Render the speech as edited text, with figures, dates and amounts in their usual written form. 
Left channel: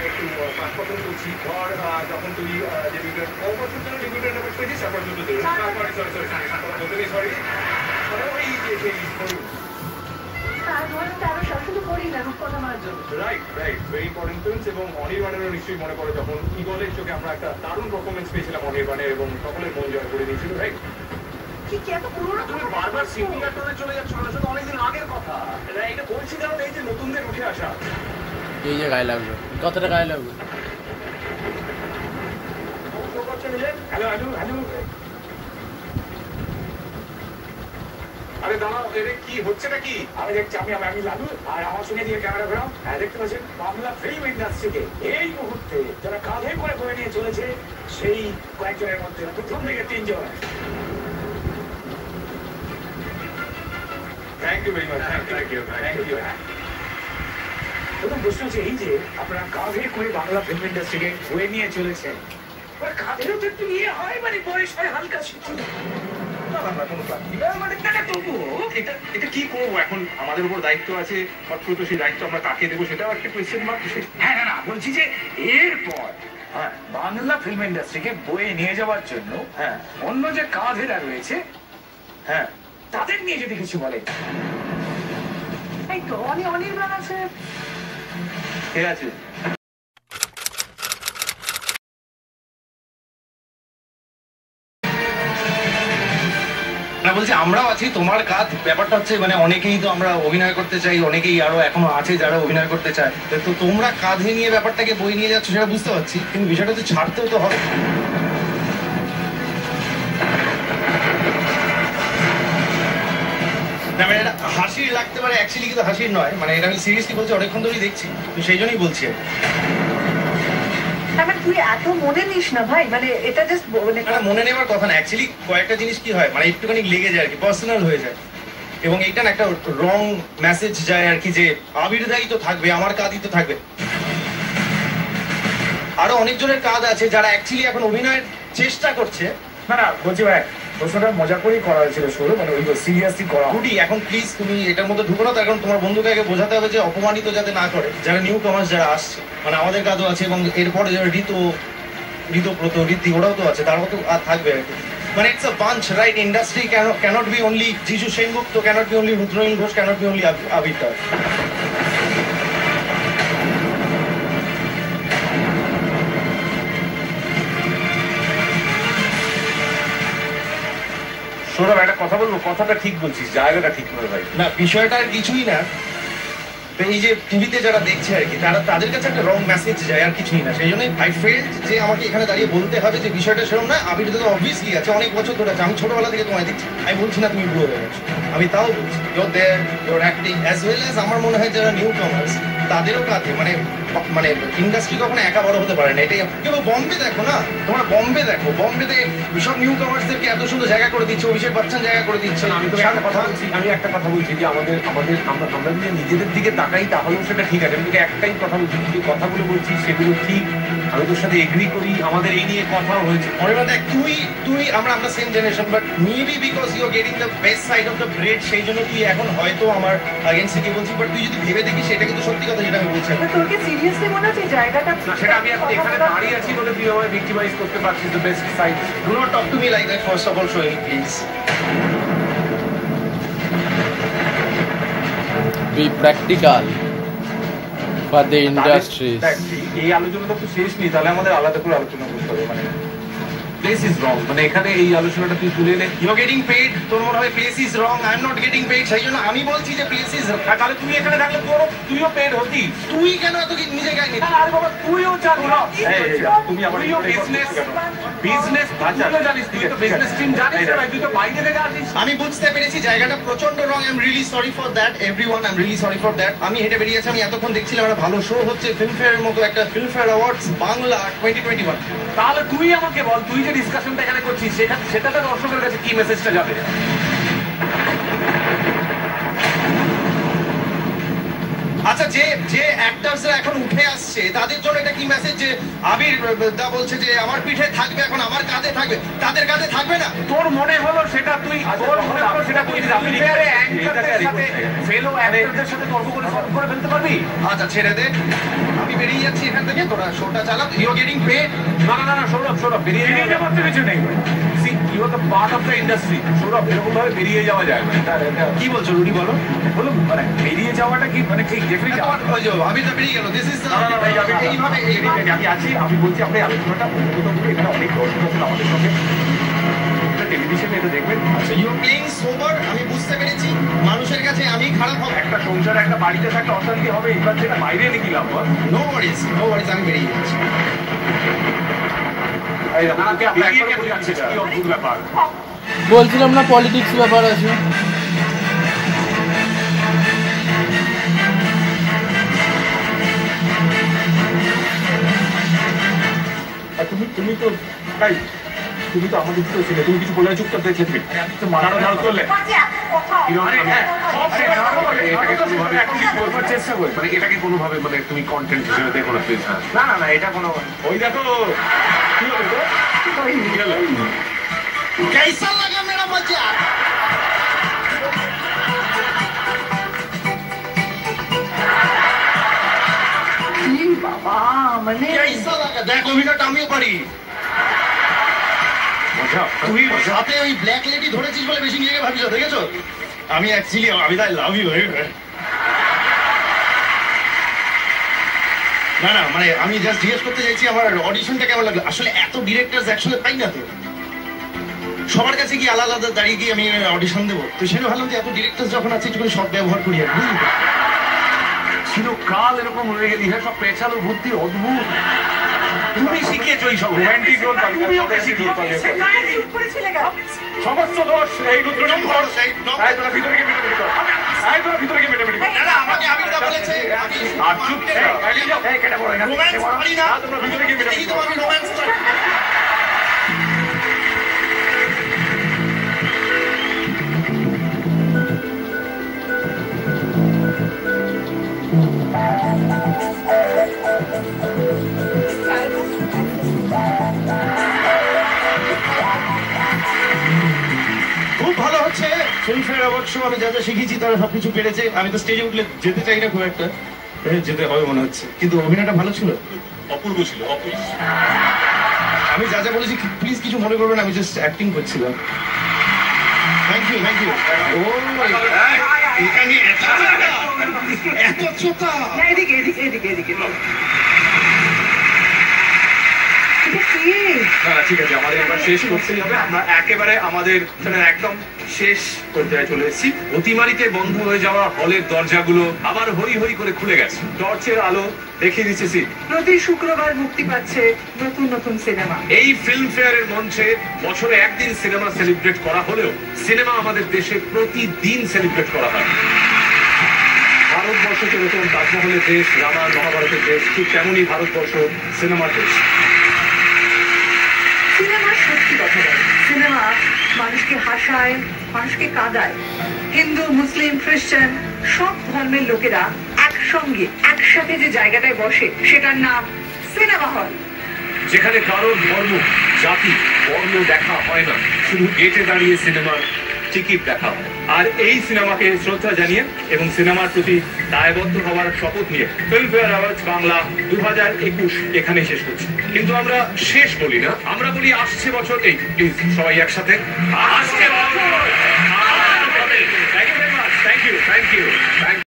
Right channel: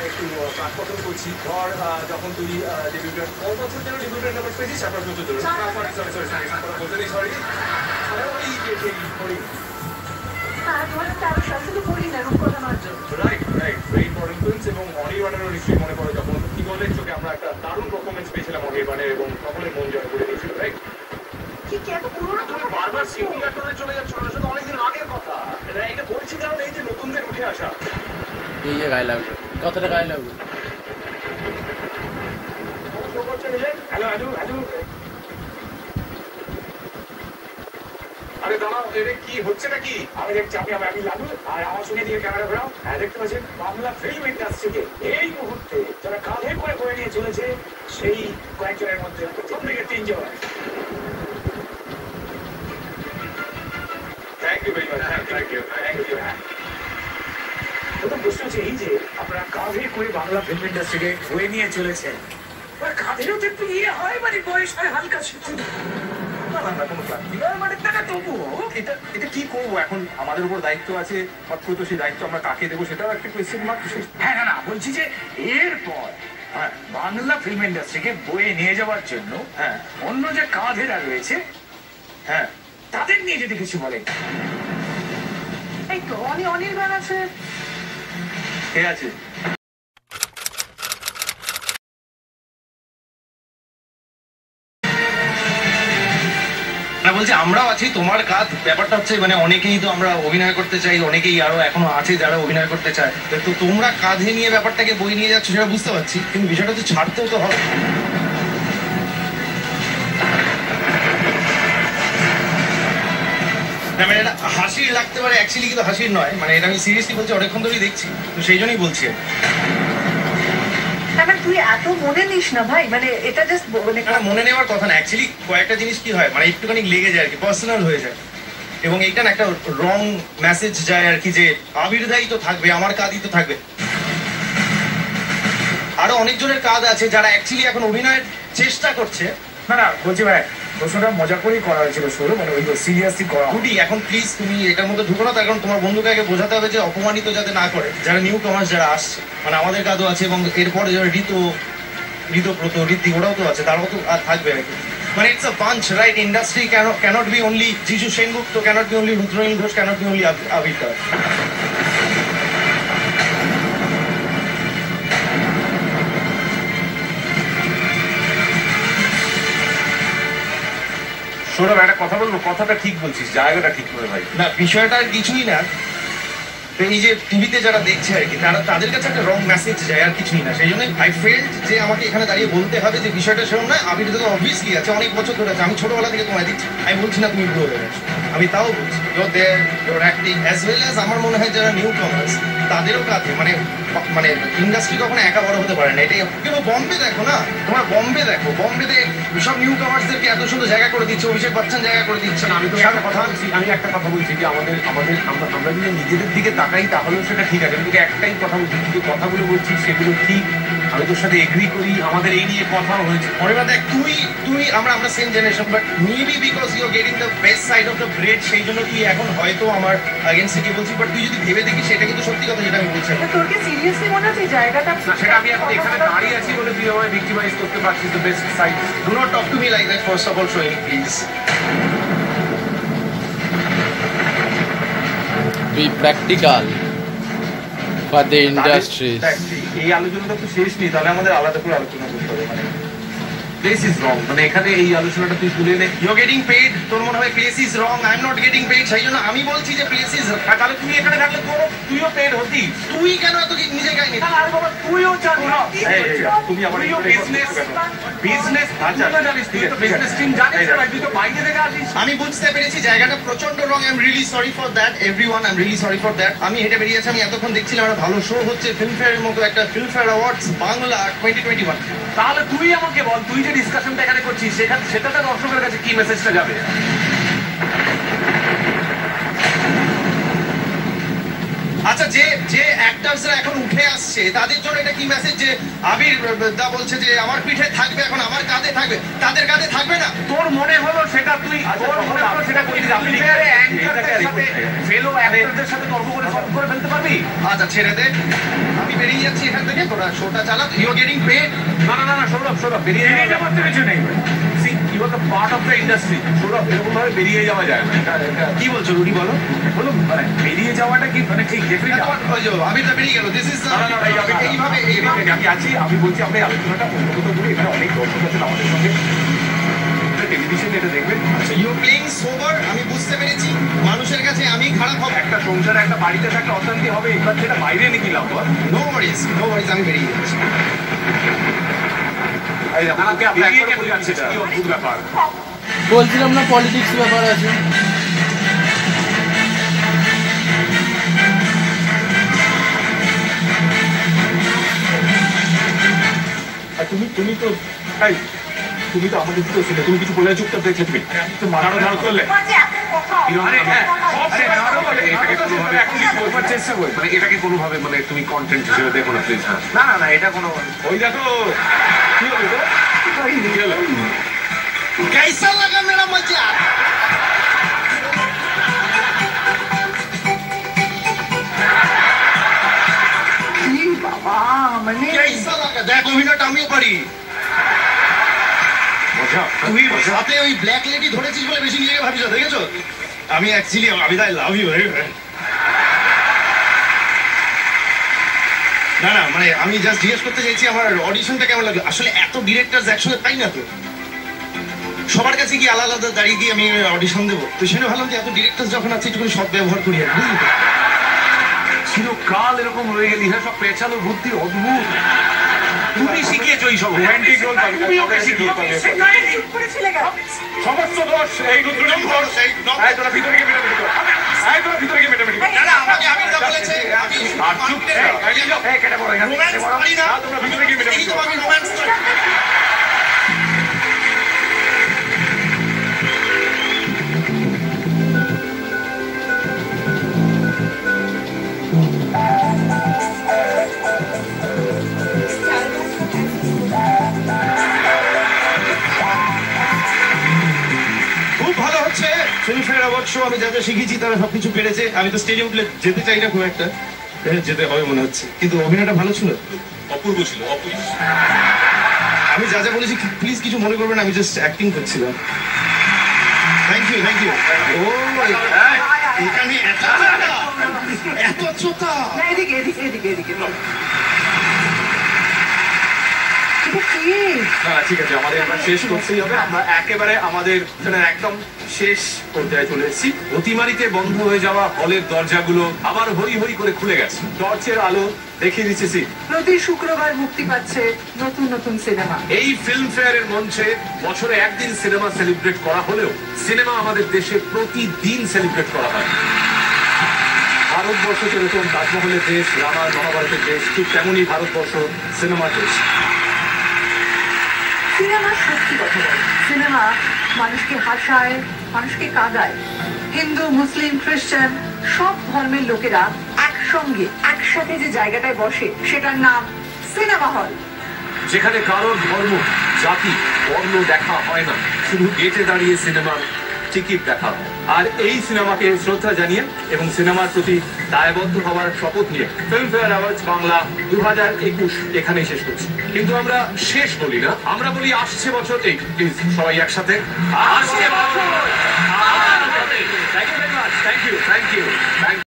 একটু কাঠপতন করছি ধর যখন তুই ডেবিউটার কত বছর যেন ডেবিউটার নাম্বার পেয়েছিস তারপর দুটো ধরে sorry sorry right right very important films এবং অনির্বাণেরও নিশ্চয়ই মনে পড়ে যখন ইগলের চোখে আমরা একটা দারুণ পারফরমেন্স পেয়েছিলাম অনির্বাণের এবং সকলের মন জয় করে দিয়েছিল রাইট বারবার সিঙ্গার টোনে চলে যাচ্ছ না শুধু অনেকদিন আগের কথা এটা বলছি কারণ এই যে নতুনদের উঠে আসা এই যে গায়ে লাগবে কতটা গায়ে লাগবে হ্যালো হ্যালো হ্যালো আরে দাঁড়াও এটা কি হচ্ছে নাকি আমি দেখছি আমি লালু আর আমার সঙ্গে দিয়ে ক্যামেরা ঘোরাও হ্যাঁ দেখতে পাচ্ছেন বাংলা ফিল্ম ইন্ডাস্ট্রিকে এই মুহূর্তে যারা কাঁধে করে বয়ে নিয়ে চলেছে সেই কয়েকজনের মধ্যে প্রথম দিকে তিনজন thank you very much thank you প্রথম প্রশ্ন হচ্ছে এই যে আপনারা কাঁধে করে বাংলা ফিল্ম ইন্ডাস্ট্রিকে বয়ে নিয়ে চলেছেন কাঁধেরও তো একটু ইয়ে হয় মানে বয়স হয় হালকা এটা কি করবো এখন আমাদের উপর দায়িত্ব আছে তো সেই দায়িত্ব আমরা কাকে দেবো সেটাও একটা কোয়েশ্চেন মার্ক হ্যাঁ না বলছি যে এরপর হ্যাঁ বাংলা ফিল্ম ইন্ডাস্ট্রিকে বয়ে নিয়ে যাওয়ার জন্য হ্যাঁ অন্য যে কাঁধেরা রয়েছে হ্যাঁ তাদের নিয়ে যদি কিছু বলে এই তো অনির্বাণ আছে ঠিক আছে না বলছি আমরাও আছি তোমার কাজ ব্যাপারটা হচ্ছে মানে অনেকেই তো আমরা অভিনয় করতে চাই অনেকেই আরো এখনো আছে যারা অভিনয় করতে চায় তো তোমরা কাঁধে নিয়ে ব্যাপারটাকে বই নিয়ে যাচ্ছ সেটা বুঝতে পারছি কিন্তু বিষয়টা হচ্ছে ছাড়তেও তো হবে না মানে এটা হাসির লাগতে পারে অ্যাকচুয়ালি কিন্তু হাসির নয় মানে এটা আমি সিরিয়াসলি বলছি অনেকক্ষণ ধরেই দেখছি তো সেই জন্যই বলছি তুই এত মনে নিস না ভাই মানে এটা জাস্ট মানে মনে নেওয়ার কথা না অ্যাকচুয়ালি কয়েকটা জিনিস কি হয় মানে একটুখানি লেগে যায় আর কি পার্সোনাল হয়ে যায় এবং এইটা না একটা রং মেসেজ যায় আর কি যে আবির্দায়ী তো থাকবে আমার কাজই তো থাকবে আরো অনেকজনের কাজ আছে যারা অ্যাকচুয়ালি এখন অভিনয়ের চেষ্টা করছে না বলছি ভাই প্রশ্নটা মজা করেই করা হয়েছিল শুরু মানে ওই সিরিয়াসলি করা গুডি এখন প্লিজ তুমি এটার মধ্যে ঢুকো না তো এখন তোমার বন্ধুকে আগে বোঝাতে হবে যে অপমানিত যাতে না করে যারা নিউ কামার্স যারা আসছে মানে আমাদের কাজও আছে এবং এরপরে যারা ঋতব্রত ঋদ্ধি ওরাও তো আছে তারাও তো আর থাকবে আর কি মানে it's a bunch right industry can't be only Jishu Sengupta can't be only Rudranil Ghosh can't be only Abir Das Sourav একটা কথা বলবো কথাটা ঠিক বলছিস জায়গাটা ঠিক করে ভাই না বিষয়টা আর কিছুই না এই যে টিভিতে যারা দেখছে আর কি তাদের কাছে একটা রং মেসেজ যায় আর কিছুই না সেই জন্যই আই ফেল্ট যে আমাকে এখানে দাঁড়িয়ে বলতে হবে যে বিষয়টা সেরকম নয় আবির তো অবভিয়াসলি আছে অনেক বছর ধরে আছে আমি ছোটবেলা থেকে তোমায় দেখছি আমি বলছি না তুমি বুড়ো হয়ে গেছো আমি তাও বলছি your there your acting as well as আমার মনে হয় যারা নিউ কামার্স তাদেরও কাজে মানে ইন্ডাস্ট্রি কখনো একা বড় হতে পারে না এটাই কিন্তু বম্বে দেখো না তোমরা বম্বে দেখো বম্বেতে সব নিউ কামার্সদেরকে এত সুন্দর জায়গা করে দিচ্ছে অভিষেক বচ্চন জায়গা করে দিচ্ছে না আমি একটা কথা বলছি যে আমরা যদি নিজেদের দিকে তাকাই তাহলেও সেটা ঠিক আছে আমি তোকে একটাই কথা বলছি যে কথাগুলো বলছি সেগুলো ঠিক আমি তোর সাথে এগ্রি করি আমাদের এই নিয়ে কথাও হয়েছে অনির্বাণ দেখ তুই আমরা same generation but maybe because you are getting the best side of the bread সেই জন্য তুই এখন হয়তো আমার এগেইনস্টে কি বলছিস বাট তুই যদি ভেবে দেখিস সেটা কিন্তু সত্যি কথা যেটা আমি বলছি তোর কি সিরিয়াসলি মনে হচ্ছে জায়গাটা না সেটা আমি এখন এখানে দাঁড়িয়ে আছি বলে তুই আমায় ভিক্টিমাইজ করতে পারছিস the best side do not talk to me like that first of all showing please be practical for the industries এই আলোচনাটা তো শেষ নেই তাহলে আমাদের আলাদা করে আলোচনা করতে হবে মানে প্লেস ইজ রং মানে এখানে এই আলোচনাটা তুই তুলে নে ইউ আর গেটিং পেইড তোর মনে হয় place is wrong I am not getting paid সেই জন্য আমি বলছি যে প্লেস ইজ তাহলে তুই এখানে থাকলে তুইও পেড হতি তুই কেন এত নিজে গাই নি আর বাবা তুইও জানিস তুমি আমার বিজনেস জানিস তুই তো বিজনেস টিম জানিস না তুই তো বাইরে থেকে আসিস আমি বুঝতে পেরেছি জায়গাটা প্রচন্ড wrong I am really sorry for that everyone I am really sorry for that আমি হেঁটে বেরিয়েছি আমি এতক্ষণ দেখছিলাম একটা ভালো শো হচ্ছে ফিল্মফেয়ারের মতো একটা ফিল্মফেয়ার অ্যাওয়ার্ডস বাংলা 2021 তাহলে তুই আমাকে বল তুই যে ডিসকাশনটা এখানে করছিস সেটাতে দর্শকের কাছে কি মেসেজটা যাবে আচ্ছা, যে যে অ্যাক্টরসরা এখন উঠে আসছে তাদের জন্য এটা কি মেসেজ যে আবির দা বলছে যে আমার পিঠে থাকবে, এখন আমার কাঁধে থাকবে, তাদের কাঁধে থাকবে না? তোর মনে হলো সেটা তুই তোর মনে হলো সেটা বলিস। আপনি অ্যাঙ্কারদের সাথে ফেলো অ্যাক্টরদের সাথে তর্ক করে সলভ করে ফেলতে পারবি? আচ্ছা ছেড়ে দে, আমি বেরিয়ে যাচ্ছি এখান থেকে, তোরা শোটা চালা, ইউ আর গেটিং পেড। না সৌরভ বেরিয়ে যাওয়ার তো কিছু নেই। You are the part of the industry. Sourav এরকম ভাবে বেরিয়ে যাওয়া যায় না। কি বলছো রুডি, বলো? বলো মানে বেরিয়ে যাওয়াটা কি মানে ঠিক ডেফিনেটলি ওই যে আবির দা বেরিয়ে গেল, দিস ইজ এইভাবে আমি আছি। আমি বলছি আপনি আলোচনাটা উন্নত করে, এখানে অনেক দর্শক আছেন আমাদের সঙ্গে, টেলিভিশনে এটা দেখবেন। আচ্ছা, ইউ আর প্লেইং সোবার, আমি বুঝতে পেরেছি। মানুষের কাছে আমি খারাপ হবে, একটা সংসার একটা বাড়িতে একটা অশান্তি হবে, এবার সেটা বাইরে নিয়ে গেলাম। নো ওয়ারিজ, আমি বেরিয়ে যাচ্ছি। অদ্ভুত ব্যাপার। বলছিলাম না পলিটিক্স ব্যাপার আছে। আর তুমি তো তাই তুমি তো আমাদের দিকেও ছিলে, তুমি কিছু বলে চুপচাপ দেখলে তুমি তো মারানো ধার করলে। চেষ্টা করি মানে এটাকে কোনোভাবে মানে তুমি কন্টেন্ট হিসেবে দেখো না প্লিজ। হ্যাঁ না এটা কোনো ওই দেখো কি হলো তো কি হলো कैसा लगा मेरा मजाक? কি বাবা, মানে कैसा लगा? দেখ অভিনয়টা আমিও পারি। মজা তুই সাথে ওই ব্ল্যাক লেডি ধরেছিস বলে বেশি নিজেকে ভাবিস, দেখেছো? আমি অ্যাকচুয়ালি আমি আই লাভ ইউ। না মানে আমি জাস্ট জিজ্ঞেস করতে চাইছি আমার অডিশনটা কেমন লাগলো। আসলে এত ডিরেক্টরস একসাথে পাই না তো, সবার কাছে কি আলাদা আলাদা দাঁড়িয়ে গিয়ে আমি অডিশন দেবো? তো সেটা ভাবলাম যে এত ডিরেক্টরস যখন আছে একটু সব ব্যবহার করি আর বুঝলি তো? চিরকাল এরকম রয়ে গেলি। হ্যাঁ সব পেছালো বুদ্ধি অদ্ভুত। তুমি শিখিয়েছো এই সব রোমান্টিক রোল, তুমি ওকে শিখিয়েছো। চুপ করে ছিলে গেল। সমস্ত দোষ এই রুদ্রনীল দোষ। এই তোরা ভিতরে গিয়ে মেটামেটি কর। এই তোরা ভিতরে গিয়ে মেটামেটি কর। না আমাকে আবিরদা বলেছে আমি আর চুপ এই কেটে পড়ো এখানে। রোম্যান্স করি না। তোমরা ভিতরে গিয়ে মেটামেটি এই তো কর। আমি রোম্যান্স করি। খুব ভালো হচ্ছে ফিল্মফেয়ার অ্যাওয়ার্ড শো। আমি যা যা শিখেছি তারা সবকিছু পেরেছে। আমি তো স্টেজে উঠলে যেতে চাই না খুব একটা, যেতে হবে মনে হচ্ছে, কিন্তু অভিনয়টা ভালো ছিল, অপূর্ব ছিল অপূর্ব। আমি যা যা বলেছি প্লিজ কিছু মনে করবেন, আমি জাস্ট অ্যাক্টিং করছিলাম। থ্যাংক ইউ ও এখানে এত চোতা। না এদিকে এদিকে এদিকে এদিকে এটা কি? না ঠিক আছে, আমাদের এবার শেষ করতেই হবে। আমরা একেবারে আমাদের একদম শেষ পর্যায়ে চলে এসেছি। অতিমারিতে বন্ধ হয়ে যাওয়া হলের দরজাগুলো আবার হই হই করে খুলে গেছে। টর্চের আলো দেখিয়ে দিচ্ছে সিট। প্রতি শুক্রবার মুক্তি পাচ্ছে নতুন নতুন সিনেমা। এই ফিল্ম ফেয়ারের মঞ্চে বছরে একদিন সিনেমা সেলিব্রেট করা হলেও সিনেমা আমাদের দেশে প্রতিদিন সেলিব্রেট করা হয়। ভারতবর্ষ যেরকম তাজমহলের দেশ, রামায়ণ মহাভারতের দেশ, ঠিক তেমনই ভারতবর্ষ সিনেমার দেশ। সিনেমা সত্যি কথা বলে, সিনেমা মানুষকে হাসায়, মানুষকে কাঁদায়। হিন্দু, মুসলিম, খ্রিস্টান সব ধর্মের লোকেরা একসঙ্গে একসাথে যে জায়গাটায় বসে সেটার নাম সিনেমা হল। যেখানে কারোর ধর্ম, জাতি, বর্ণ দেখা হয় না, শুধু গেটে দাঁড়িয়ে সিনেমার টিকিট দেখা হয়। আর এই সিনেমাকে শ্রদ্ধা জানিয়ে এবং সিনেমার প্রতি দায়বদ্ধ হওয়ার শপথ নিয়ে ফিল্মফেয়ার অ্যাওয়ার্ডস বাংলা 2021 এখানেই শেষ করছি। কিন্তু আমরা শেষ বলি না, আমরা বলি আসছে বছর। এই প্লিজ সবাই একসাথে আসছে বছর। Thank you very much. Thank you.